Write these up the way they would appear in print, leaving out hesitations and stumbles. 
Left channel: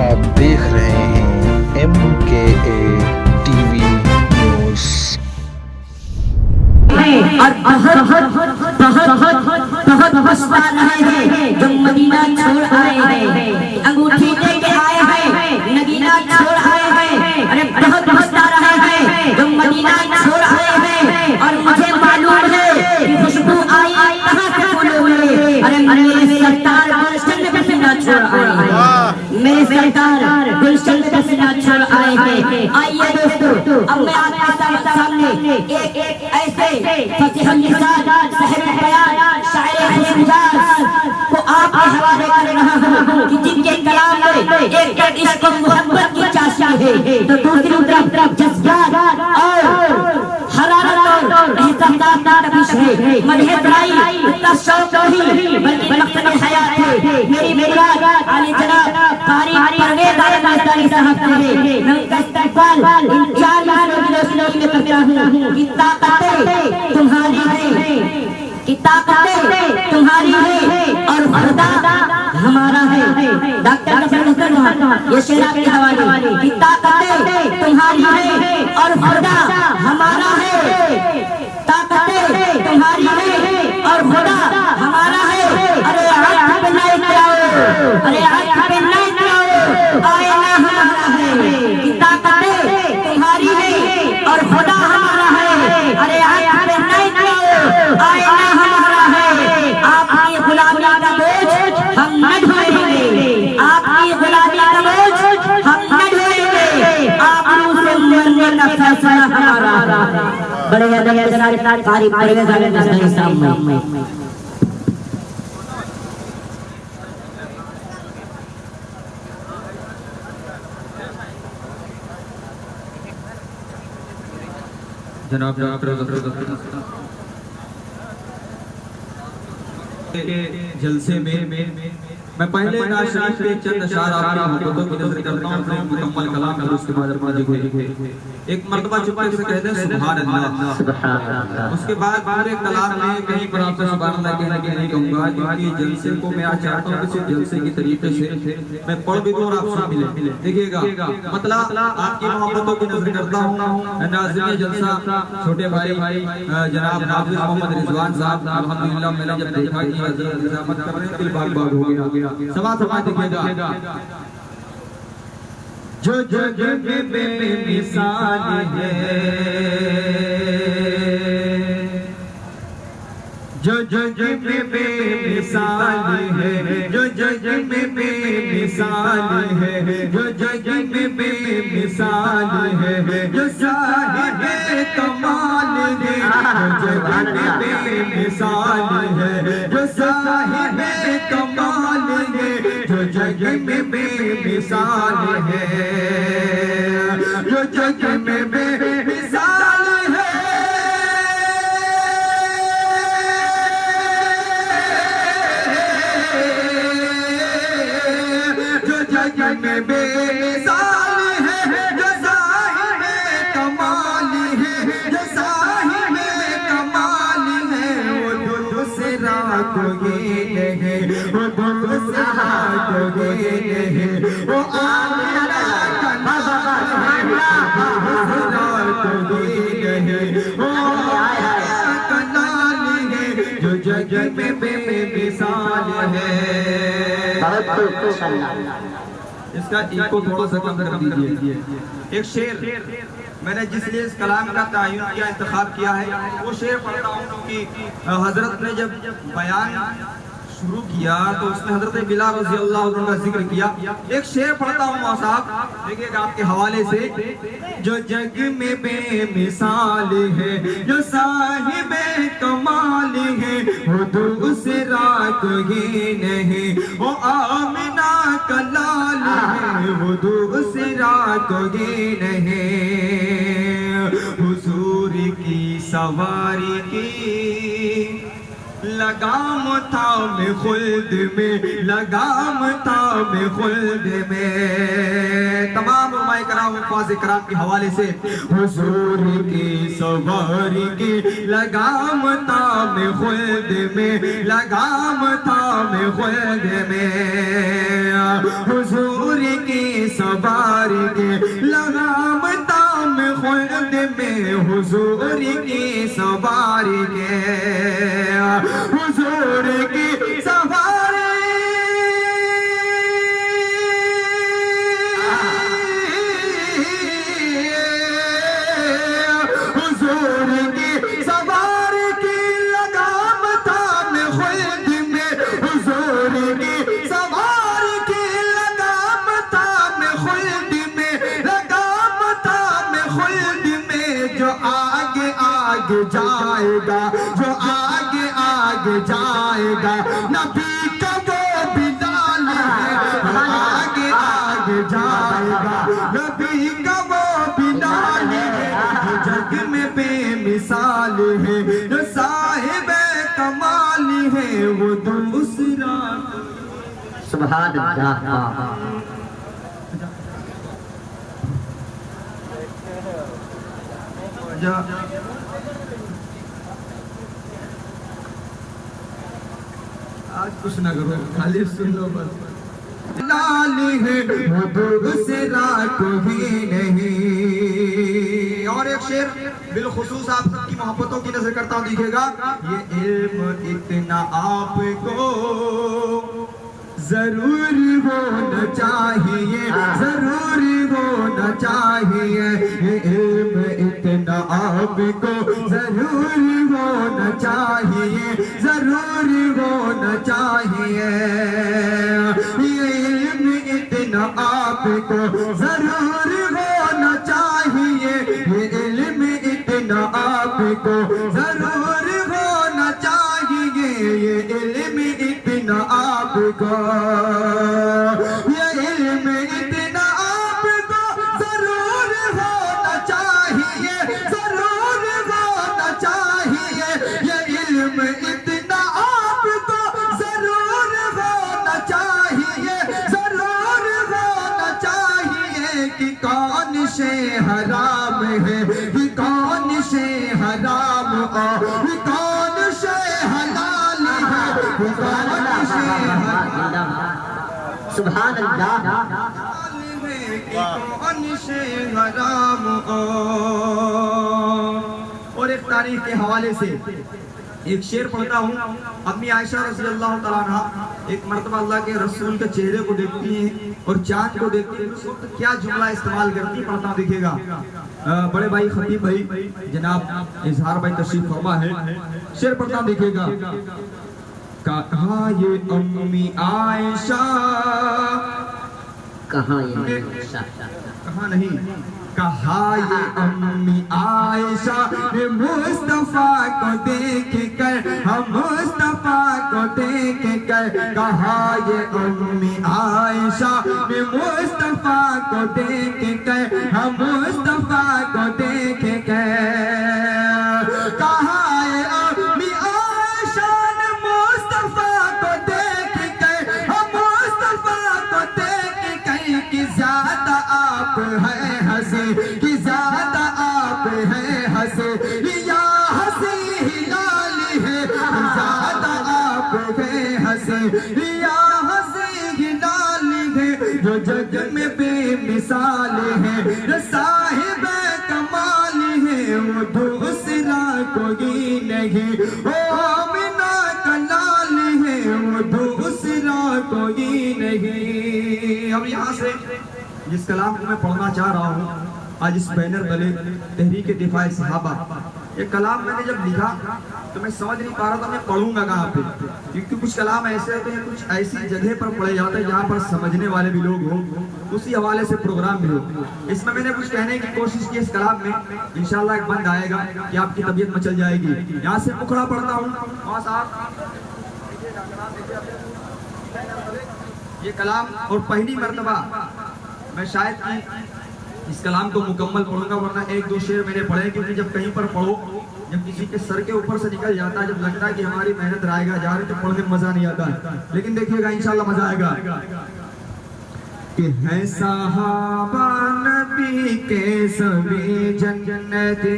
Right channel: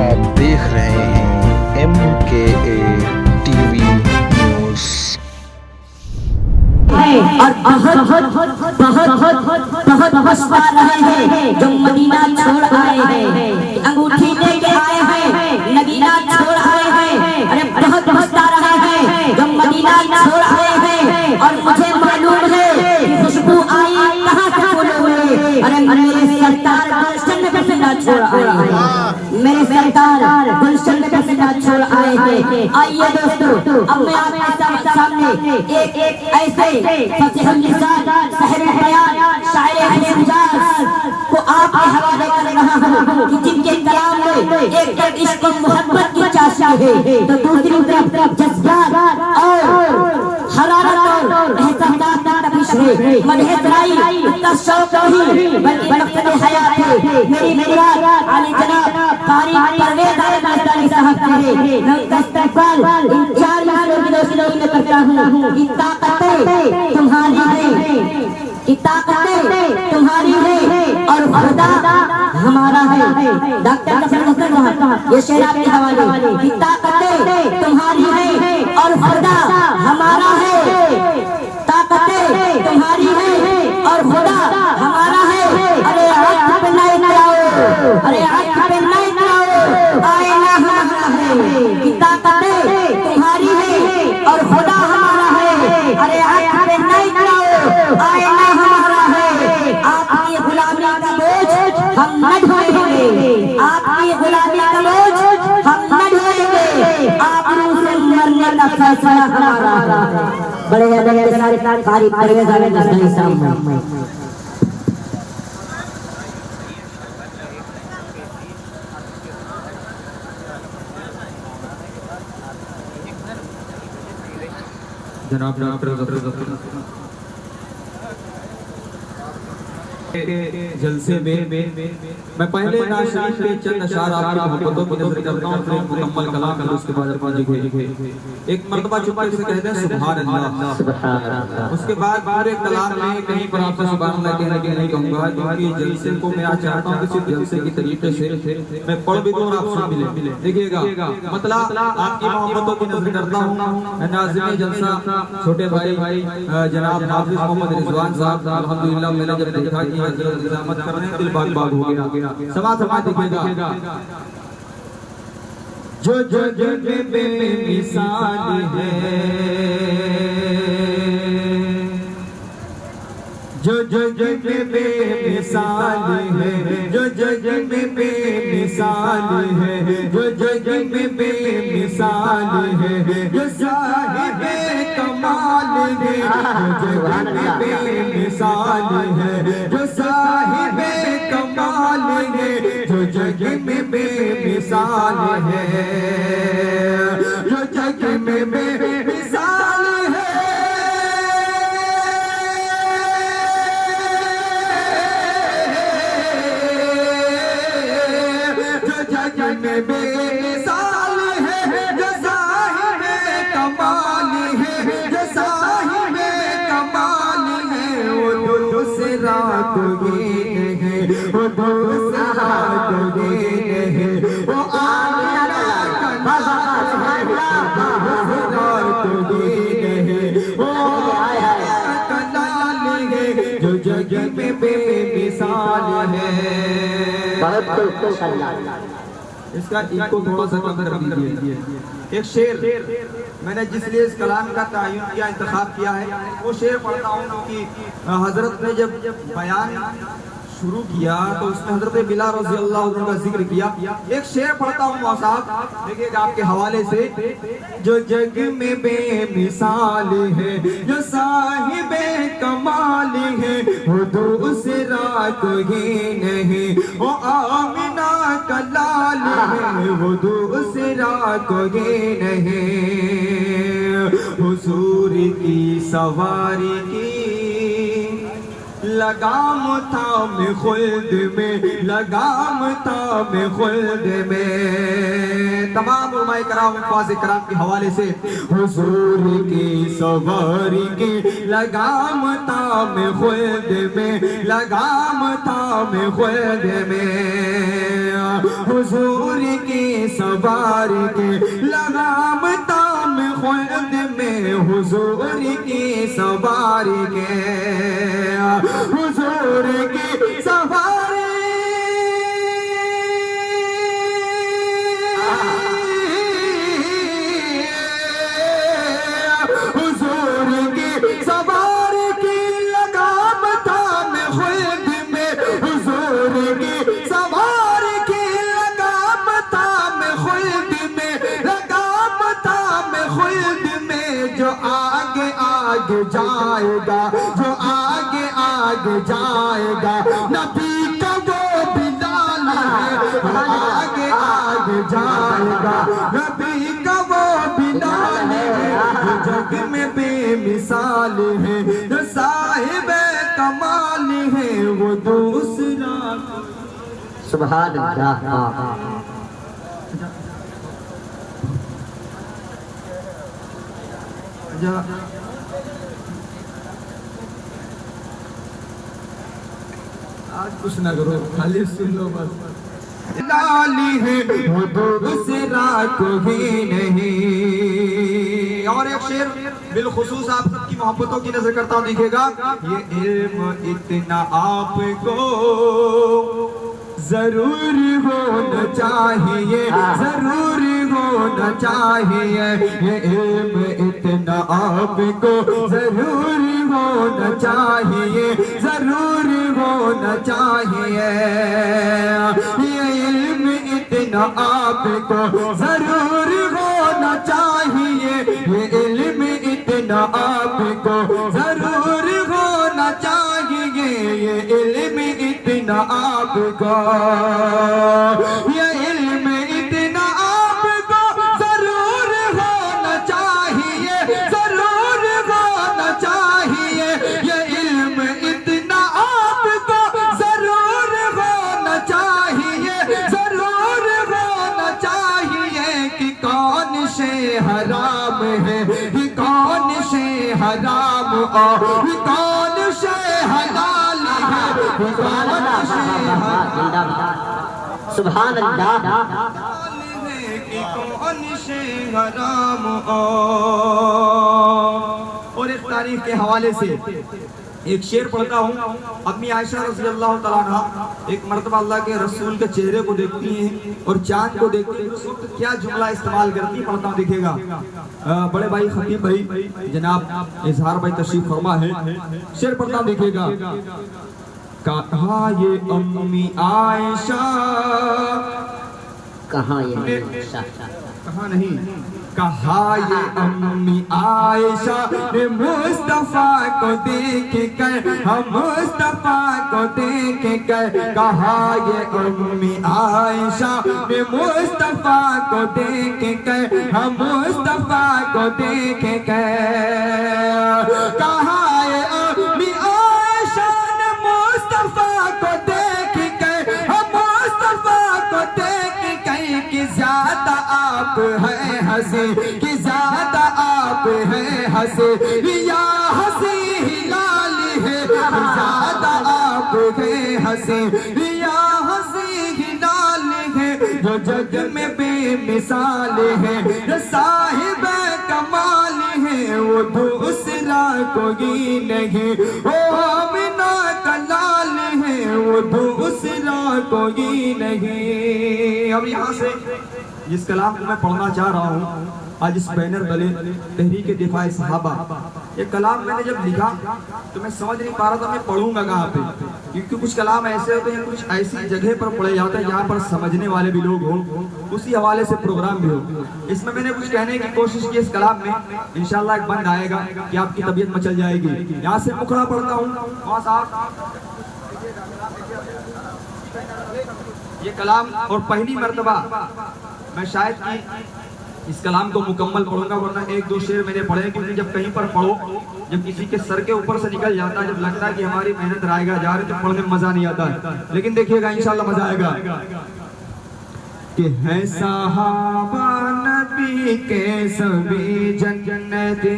आप देख रहे हैं MKA टीवी न्यूज़। और बहुत पछता रहे हैं जो मदीना छोड़ आए हैं, अंगूठी लेके आए हैं, मदीना छोड़ आए हैं। अरे बहुत पछता रहे हैं जो मदीना छोड़ आए हैं। और मुझे मालूम है कि खुशबू आई कहाँ से फूलों में। अरे मेरे सरकार गुलशन में पसीना छोड़ आए, मेरे सरकार गुलशन में पसीना छोड़ आए हैं। आइए दोस्तों, अब मैं आपके सामने एक ऐसे फकीह निसार साहिब बयान शायर हिंदास को आपके हवाले कर रहा हूँ कि जिनके कलाम में एक इश्क मोहब्बत की चाशनी है, तो दूसरी तरफ जज्बात और हरारत और एहसास का तपिश है। मदहिसाई का शौक नहीं बल्कि मकसद हयात है। मेरी मुराद आली जनाब कारी परवेज आयत साहब है। मैं इसका इस्तेमाल इन 4 मिनटों की रोशनी में करता हूँ कि ताकतें तुम्हारी हैं, कि ताकतें तुम्हारी हैं और खुदा हमारा है। डॉक्टर कसम ये शेर आपके हवाले कि ताकतें तुम्हारी हैं और खुदा हमारा है। ताकतें तुम्हारी हैं और खुदा हमारा है। अरे आँख पे नहीं कराओ, अरे आँख पे नहीं कराओ, आईना हमारा है। कि ताकतें तुम्हारी हैं और खुदा हमारा है। अरे आँख पे नहीं कराओ, आईना हमारा है। आपकी गुलामी का बोझ हम न ढोएंगे, आपकी गुलामी का बोझ हम न ढोएंगे। आप से मरने का फैसला हमारा है। बड़े के साथ कारी परवेज आलम साहब जनाब जलसे में मैं पहले नाज शरीफ के चंद अशआर आपकी मोहब्बतों की नज़र करता हूं, फिर मुकम्मल कलाम फिर उसके बाद एक मर्तबा चुप के कहते हैं सुभान अल्लाह, सुभान अल्लाह। उसके बाद पूरे कलाम में कहीं पर आपसे सुभान अल्लाह कहना कि नहीं कहूंगा, क्योंकि जलसे को मैं आज चाहता हूं कि सिर्फ जलसे की तरीके से मैं पढ़ भी दूं और आप सुन भी लें। देखिएगा मतलब आपकी मोहब्बतों की नज़र करता हूं। नाज़िम जलसा छोटे भाई जनाब हाफिज मोहम्मद रिजवान साहब अल्हम्दुलिल्लाह मैंने जब देखा कि हजरत इजामत कर रहे हैं दिल बाग बाग हो गया। समाज दिखेगा जो जग में बेमिसाल है, जो जग में बेमिसाल है, जो जग में बेमिसाल है, जो जग में बेमिसाल है, जो साहिब कमाल है, जो जग में बेमिसाल है, जो साहिब कमाल है, जो जग में बेमिसाल है, जो जग में बेमिसाल है। जग में बेमिसाल है, जो साहिब कमाल है, जो साहिब कमाल है, वो दूसरा कोई नहीं, वो दूसरा कोई नहीं, वो आमिना का कोई नहीं, वो आमिना का नाल है, जो जग में बेमिसाल है। इसका इको थोड़ा सा कम कर दीजिए। एक शेर मैंने जिसलिए इस कलाम का तायुन किया, इंतखाब किया है, वो शेर पढ़ता हूँ क्योंकि हजरत ने जब बयान शुरू किया तो उसने हजरत बिलाल रज़ी अल्लाह अन्हु का जिक्र किया। एक शेर पढ़ता हूँ मौसाफ, देखिएगा आपके हवाले से। जो जग में बेमिसाल है, जो साहिब कमाल है, वो दूसरा कोई नहीं, वो आमिना का लाल है, वो दूसरा कोई नहीं। हुजूर की सवारी की लगाम था मैं खुल्द में, लगाम था मैं खुल्द में। तमाम उलमाए कराम अल्फाज़ कराम के हवाले से हुजूर की सवारी की लगाम था मैं खुल्द में, लगाम था मैं खुल्द में। हुजूर की सवारी के लगाम ताम खुद में हुजूर की सवारी के हुजूर की सवारी हुजूर की सवारी की लगाम थाम खुद में हुजूर की सवारी की लगाम थाम खुद में लगाम थाम खुद में जो आगे आगे जाएगा जो आगे आगे जाएगा नबी का वो बिलाल है जो आगे आगे जाएगा नबी का वो बिलाल है जो जग में बेमिसाल है जो साहिब कमाल है वो दूसरा सुभान अल्लाह। आज कुछ ना करो खाली सुन लो बस। लाली है वो दूसरा कोई नहीं। और एक शेर बिलखुसूस आप सबकी मोहब्बतों की नजर करता हूँ दिखेगा। ये इल्म इतना आपको जरूरी होना चाहिए जरूरी होना चाहिए ये इल्म इतना आपको जरूरी होना चाहिए जरूरी होना चाहिए ये इल्म इतना आपको जरूरी होना चाहिए ये इल्म इतना आपको जरूरी होना चाहिए ये इल्म इतना आपको ये इल्म इतना आपको जरूर होना चाहिए जरूर होना चाहिए ये इल्म इतना आपको जरूर होना चाहिए जरूर होना चाहिए कि कौन से हराम है कि कौन से हराम और कौन से हलाल है कौन से सुभान अल्लाह। कौन से हराम और एक तारीख के हवाले से एक शेर पढ़ता हूँ। अम्मी आयशा रज़ी अल्लाह तआला अन्हा एक मर्तबा अल्लाह के रसूल के चेहरे को देखती हैं और चांद को देखती हैं, उस वक्त क्या जुमला इस्तेमाल करती पढ़ता हूँ दिखेगा। बड़े भाई खतीब भाई जनाब इजहार भाई तशरीफ फरमा है। शेर पढ़ता हूँ दिखेगा। कहा ये अम्मी आयशा कहाँ ये आयशा कहा नहीं कहा ये अम्मी आयशा ने मुस्तफा को देख कर हम मुस्तफा को देख कर कहा ये अम्मी आयशा ने मुस्तफा को देख कर हम मुस्तफा को देख कर कहा ये अम्मी आयशा ने मुस्तफा को देख कर हम मुस्तफा को देख कर कि ज्यादा आप है हंसी कि ज्यादा आप है हंसी या हंसी हिलाल है ज्यादा आप है हंसी या हंसी हिलाल है जो जग में बेमिसाल है साहिब कमाल है वो दूसरा कोई नहीं वो आमिना का लाल है वो दूसरा कोई नहीं। अब यहाँ से जिस कलाम को मैं पढ़ना चाह रहा हूँ आज इस बैनर तले तहरीक दिफा सहाबा, ये कलाम मैंने जब लिखा तो मैं समझ नहीं पा रहा था मैं पढ़ूंगा कहाँ पे, क्योंकि कुछ कलाम ऐसे होते हैं कुछ ऐसी जगह पर पढ़े जाते हैं जहाँ पर समझने वाले भी लोग हों, उसी हवाले से प्रोग्राम भी हो। इसमें मैंने कुछ कहने की कोशिश की इस कलाम में, इंशाल्लाह एक बंद आएगा कि आपकी तबीयत मचल जाएगी। यहाँ से मुखड़ा पढ़ता हूँ वहाँ साहब ये कलाम और पहली मर्तबा मैं शायद कि इस कलाम को मुकम्मल पढ़ूंगा, वरना एक दो शेर मैंने पढ़े, क्योंकि जब कहीं पर पढ़ो जब किसी के सर के ऊपर से निकल जाता है, जब लगता है कि हमारी मेहनत रायगा जा रही तो पढ़ने में मजा नहीं आता है। लेकिन देखिएगा इंशाल्लाह मजा आएगा कि है सहाबा नबी के सभी जन्नती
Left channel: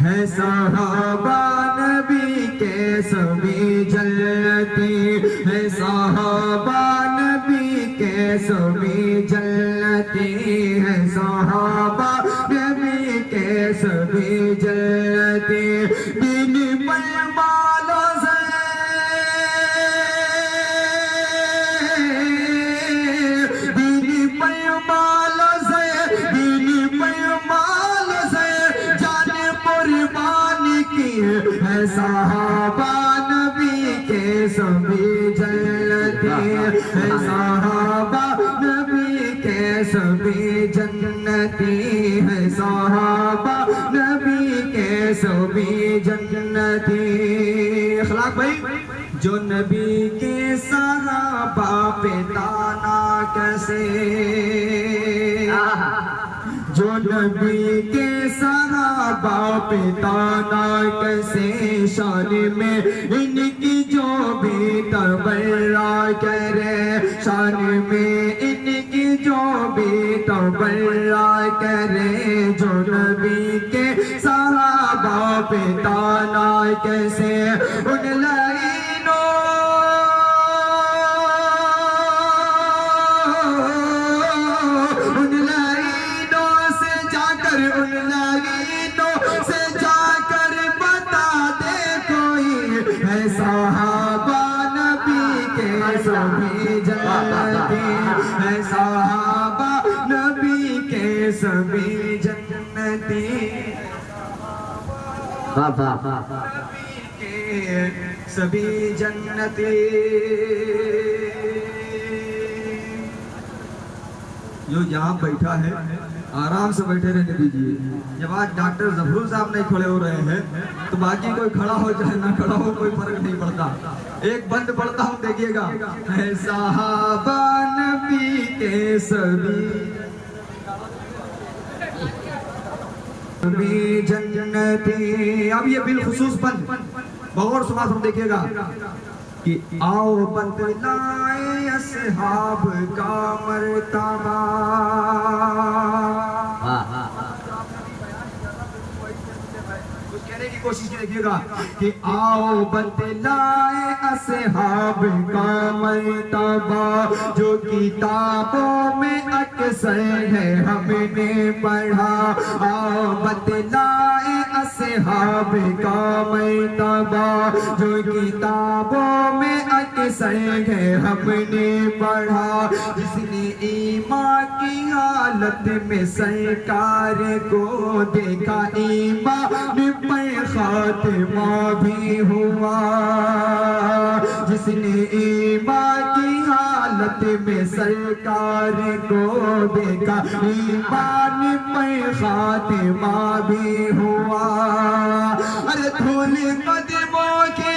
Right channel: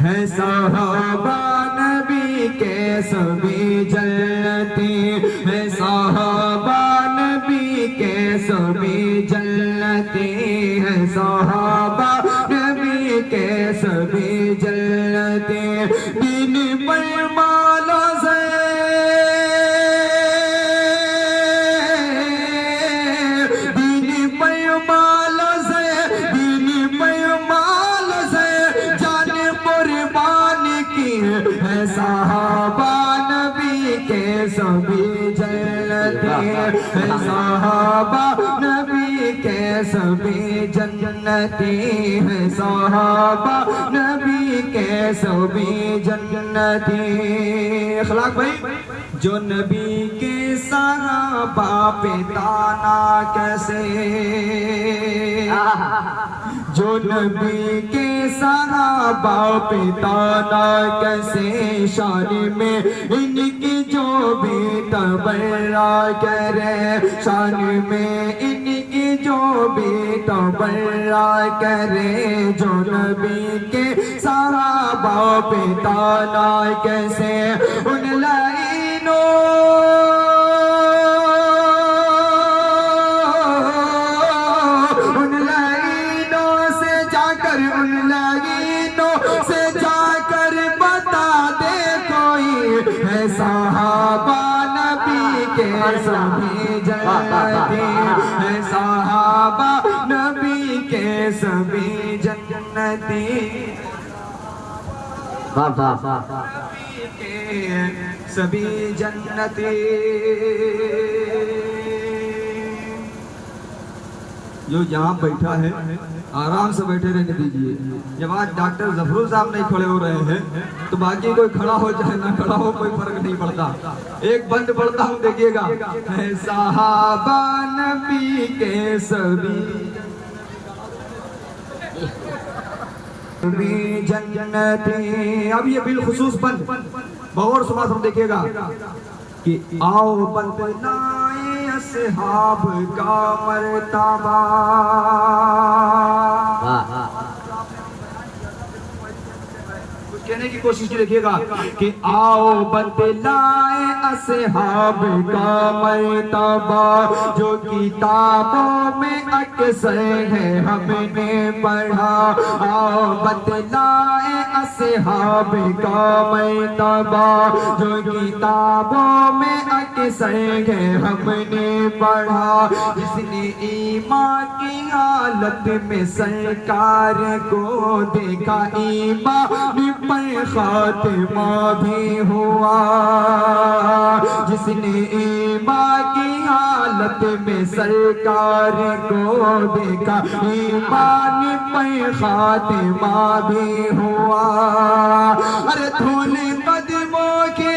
है सहाबा नबी के सभी जन्नती है, सहाबा नबी के सभी जन्नती है, सहाबा नबी के सभी जन्नती। दिन पर मालो से है, सहाबा नबी के सभी जन्नती है, सहाबा नबी के सभी जन्नती है, सहाबा नबी के सभी जन्नती। अखलाक भाई, जो नबी के सहाबा पे ताना कैसे, जो नबी के सहाबा पे ताना कैसे, शान में इनकी जो भी तबर्रा करे, शान में इनकी जो भी तबर्रा करे, जो नबी के सहाबा पे ताना कैसे, उन लाइनों से जाकर बता दे कोई, है सहाबा नबी के सभी जन्नती है, सहाबा नबी के सभी जन्नती, नबी के सभी जन्नती। जो यहाँ बैठा है आराम से बैठे रहने दीजिए। जब आज डॉक्टर जफरुल साहब नहीं खड़े हो रहे हैं तो बाकी कोई खड़ा हो चाहे ना खड़ा हो कोई फर्क नहीं पड़ता। एक बंद पढ़ता हूँ देखिएगा, है सहाबा नबी के सभी जन्नती। अब ये बिलखुसूस बंद बहुत समाज हम देखिएगा कि आओ बतलाए असहाब का मर्तबा। कुछ कहने की कोशिश देखिएगा कि आओ बतलाए असहाब का मर्तबा, जो किताबों में अक्सर है हमने पढ़ा। आओ बतलाए असहाब का मर्तबा, जो किताबों में अक्सर है हमने पढ़ा। जिसने ईमान की हालत में सरकार को देखा, ईमान पर खातिमा भी हुआ। जिसने ईमान की हालत में सरकार को देखा, ईमान पर खातिमा भी हुआ। अरे धूल कदमों के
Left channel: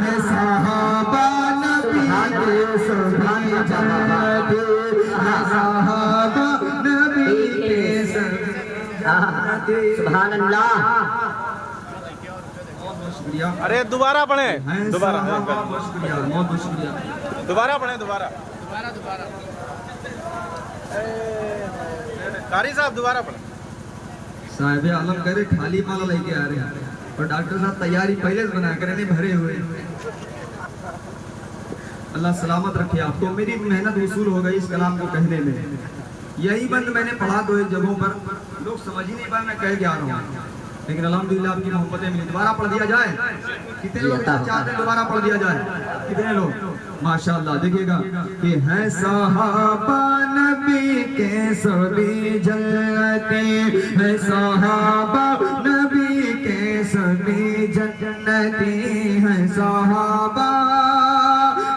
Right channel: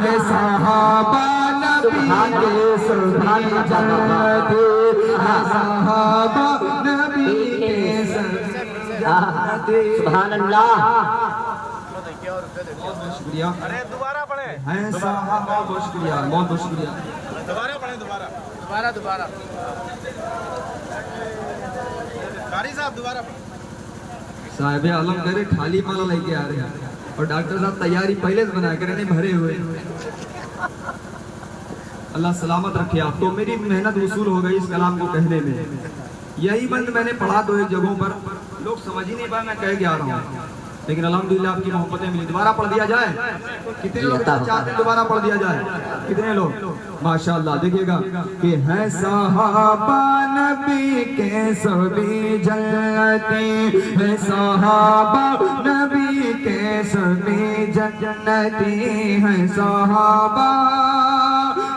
है सहाबा नबी के सभी जन्नती, है सहाबा नबी के सभी जन्नती। सुभान अल्लाह। बहुत शुक्रिया। अरे दोबारा पढ़े, है सहाबा, बहुत शुक्रिया, बहुत शुक्रिया। दोबारा पढ़े, दोबारा कारी साहब दोबारा पढ़े। साहिब आलम करे खाली माला लेके आ रहे हैं और डॉक्टर साहब तैयारी पहले से बना कर भरे हुए। अल्लाह सलामत रखे आपको। मेरी मेहनत वसूल हो गई इस कलाम को कहने में। यही बंद मैंने पढ़ा दो एक जगहों पर, लोग समझ ही नहीं पाए मैं कह के आ रहा हूँ, लेकिन अल्हम्दुलिल्लाह आपकी मोहब्बतें मिली। दोबारा पढ़ दिया जाए? कितने लोग चाहते हैं दोबारा पढ़ दिया जाए? कितने लोग? माशाअल्लाह। देखिएगा कि है सहाबा नबी के सभी जन्नती, है सहाबा नबी के सभी जन्नती, है सहाबा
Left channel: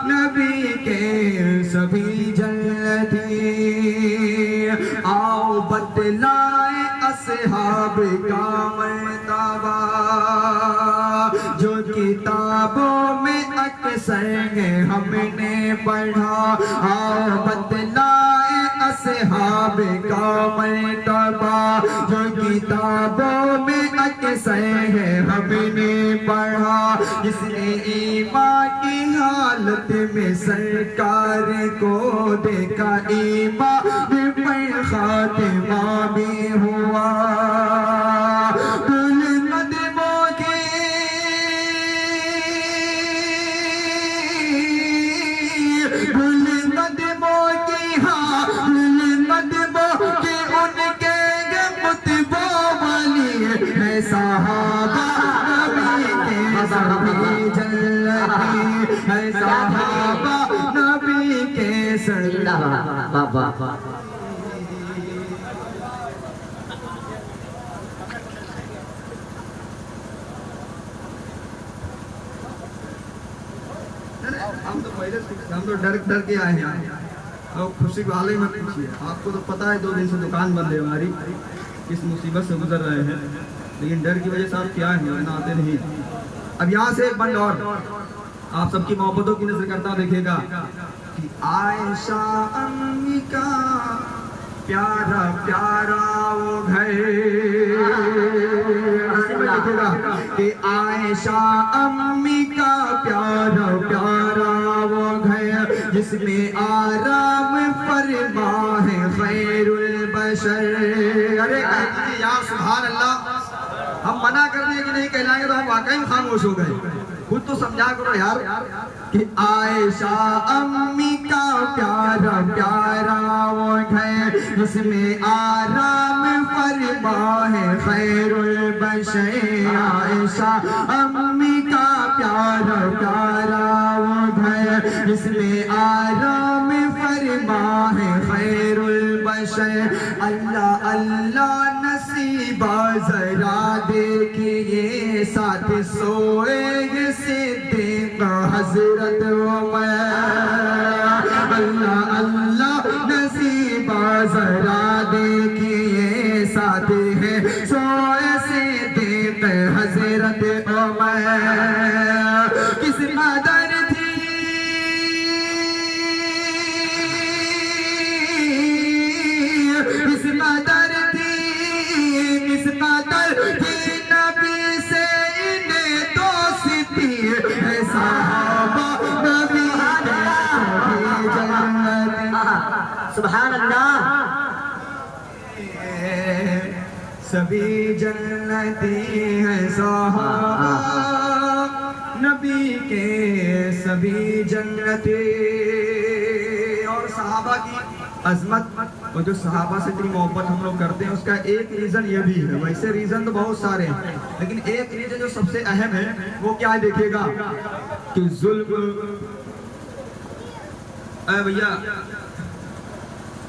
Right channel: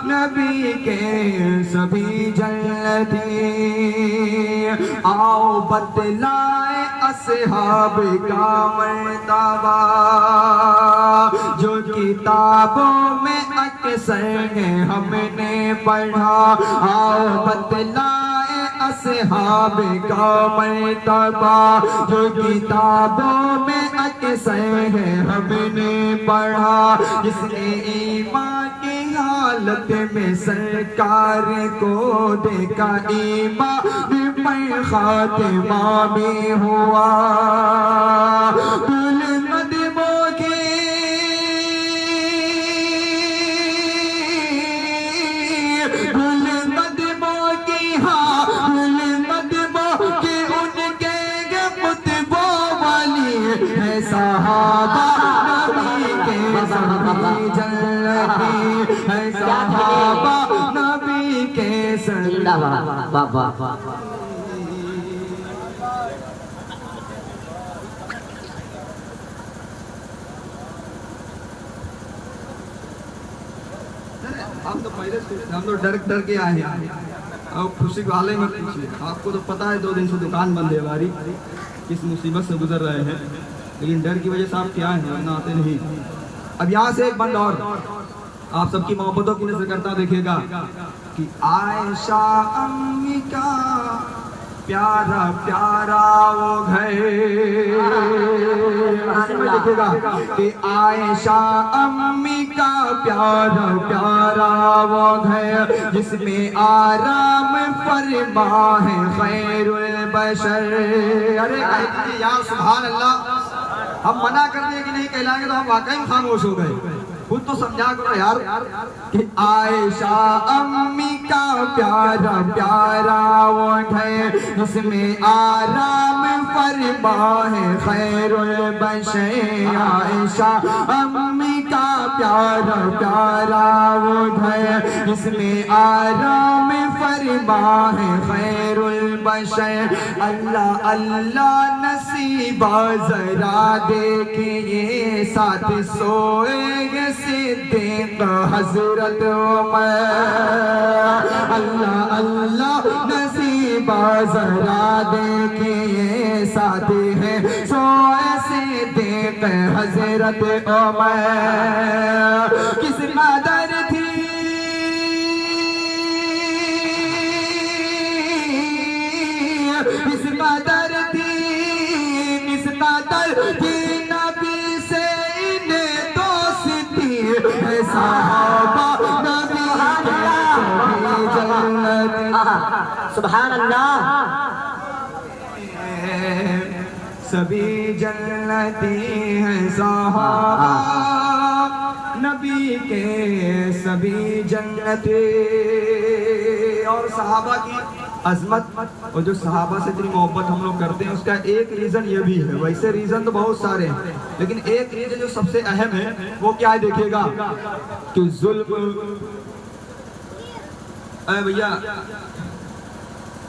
नबी के सभी जन्नती। आओ बतलाए असहाब का मर्तबा, जो किताबों में अक्सर है हमने पढ़ा। आओ बतलाए असहाब का मर्तबा, जो किताबों में अक्सर है हमने पढ़ा, इसने ईमान की हालत में सरकार को देखा, ईमान पर खातिमा भी हुआ। नबी के हम तो डर के आए हैं। अब खुशी वाले मत पूछिए, आपको तो पता है 2 दिन से दुकान बंद है हमारी, किस मुसीबत से गुजर रहे हैं, लेकिन डर की वजह से आप क्या हैं, वरना आते नहीं। अब यहाँ से एक बंद और आप सबकी मोहब्बतों की नजर करता देखिएगा कि आयशा अम्मी का प्यारा प्यारा वो घर, देखिएगा कि आयशा अम्मी का प्यारा प्यारा वो घर, जिसमें आराम फरमा है खैरुल बशर। अरे या सुभान अल्लाह, हम मना कर दिए कि नहीं कहलाएंगे तो हम वाकई में खामोश हो गए। खुद तो समझा करो यार कि आयशा अम्मी का प्यारा प्यारा वो है, जिसमें आराम फरमा है खैरुल बशर। आयशा अम्मी का प्यारा प्यारा वो है, जिसमें आराम फरमा है खैरुल बशर। अल्लाह अल्लाह नसीबा जरा देखिए, साथ सोएगे सिद्दीक हजरत उमर। अल्लाह अल्लाह नसीबा जरा देखिए, साथ है सोए सिद्दीक हजरत उमर। किस कदर थी किस कदर थी किस कदर थी नबी से इन्हें दोस्ती है, सहाबा नबी के जन्नत। सुभान अल्लाह। सभी जन्नती हैं सहाबा नबी के, सभी जन्नती। और सहाबा की अजमत और जो सहाबा से इतनी मोहब्बत हम लोग करते हैं, उसका एक रीजन ये भी है। वैसे रीजन तो बहुत सारे हैं, लेकिन एक रीजन जो सबसे अहम है वो क्या है देखिएगा कि जुल्म। भैया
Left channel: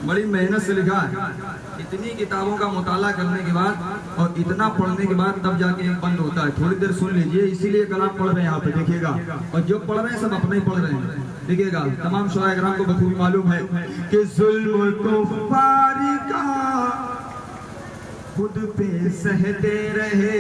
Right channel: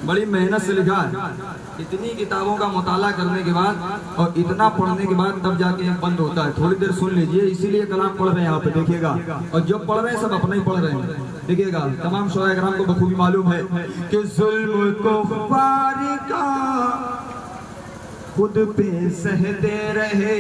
बड़ी मेहनत से लिखा है, इतनी किताबों का मुताला करने के बाद और इतना पढ़ने के बाद तब जाके बंद होता है। थोड़ी देर सुन लीजिए, इसीलिए कलाम पढ़ रहे हैं यहाँ पे देखिएगा, और जो पढ़ रहे हैं सब अपना ही पढ़ रहे हैं देखिएगा। तमाम शोराए किराम को बखूबी मालूम है कि जुल्म को फारिका खुद पे सहते रहे,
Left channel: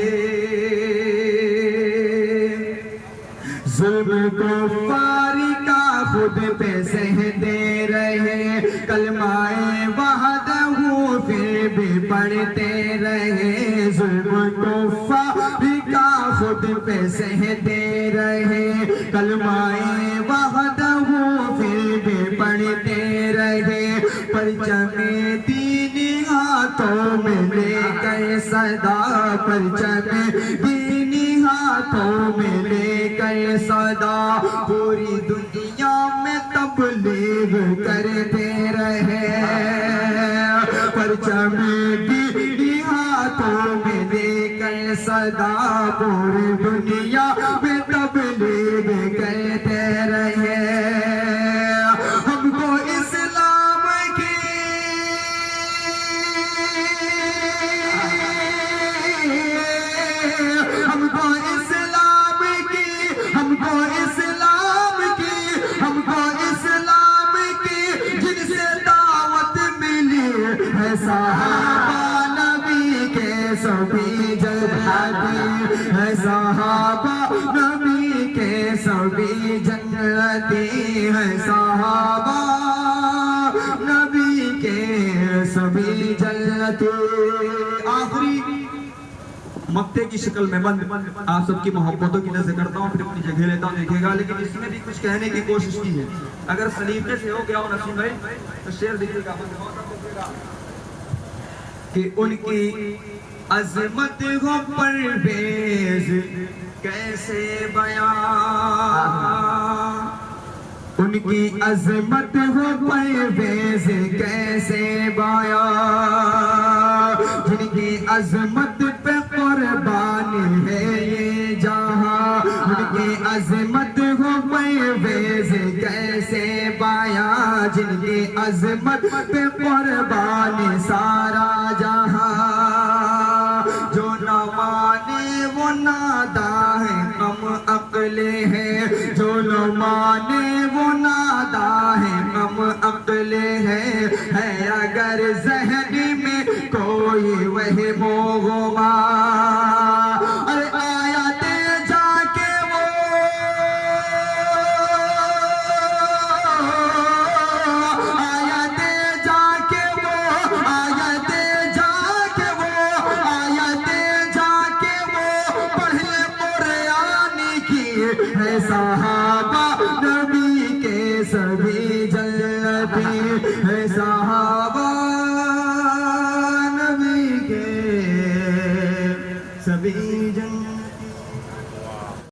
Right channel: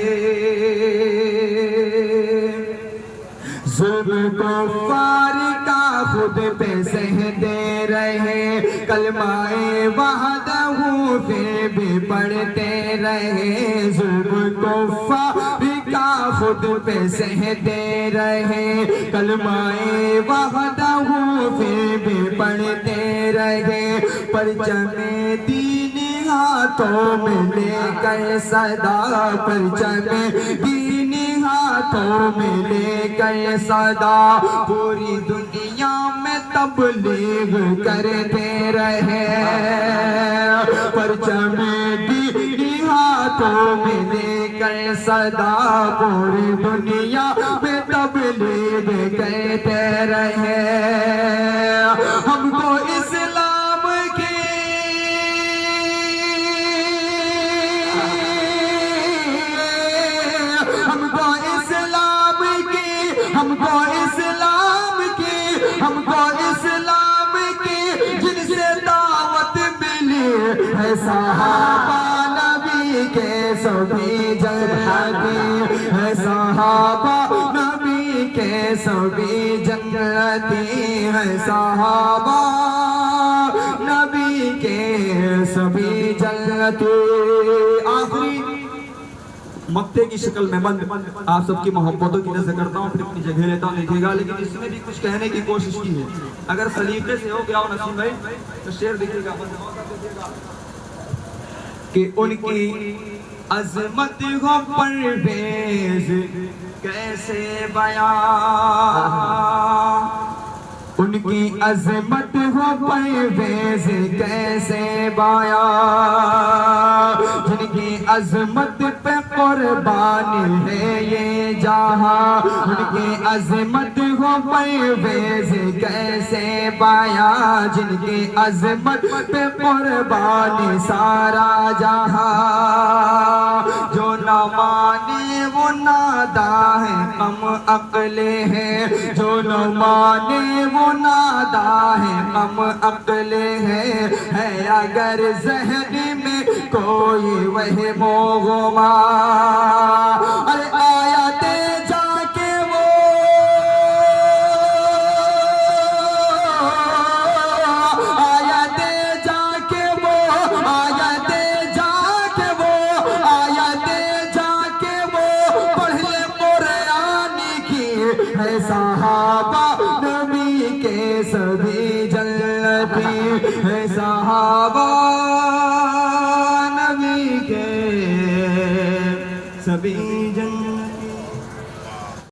जुल्म को फारिका खुद पे सहते रहे, कलमाए वहदहू फिर भी पढ़ते रहे। जुल्म को फारिका खुद पे सहते रहे, कलमाए वहदहू फिर भी पढ़ते रहे। परचमे दीन हाथों में लेकर सदा, परचमे दीन हाथों में लेकर सदा, पूरी दुनिया में तबलीग करते रहे। परचमे दीन हाथों में लेकर सदा, पूरी दुनिया में तबलीग करते रहे। हमको इस्लाम की हमको इस्लाम की हमको इस्लाम की हमको इस्लाम की जिनसे दावत मिली है, सहाबा नबी के सभी जन्नती है, सहाबा नबी के सभी जन्नती है, सहाबा नबी के सभी जन्नती। आखिरी मक्ते की शक्ल में बंद आप सबकी मोहब्बतों की नजर करता हूँ, फिर अपनी जगह लेता हूँ, देखिएगा। लेकिन इसने भी कुछ कहने की कोशिश की है, अगर सलीके से हो गया हो नसीम भाई तो शेर देखिएगा कि उनकी अजमत हो परवेज कैसे बयां, उनकी अजमत हो परवेज कैसे बयां, उनकी अजमत पे कुर्बान है ये जहां, उनकी अजमत हो परवेज कैसे बयां, जिनकी अजमत पे कुर्बान सारा जहां, जो न माने वो नादा है हम अक्ले हैं, जो न माने वो नादा है हम अक्ले हैं, है अगर जहन में कोई वह मोगमा, अरे आयाते जाके वो आयाते जाके वो आयाते जाके वो आयाते जाके वो पढ़ ले कुरान की, है सहाबा नबी के सभी जन्नती,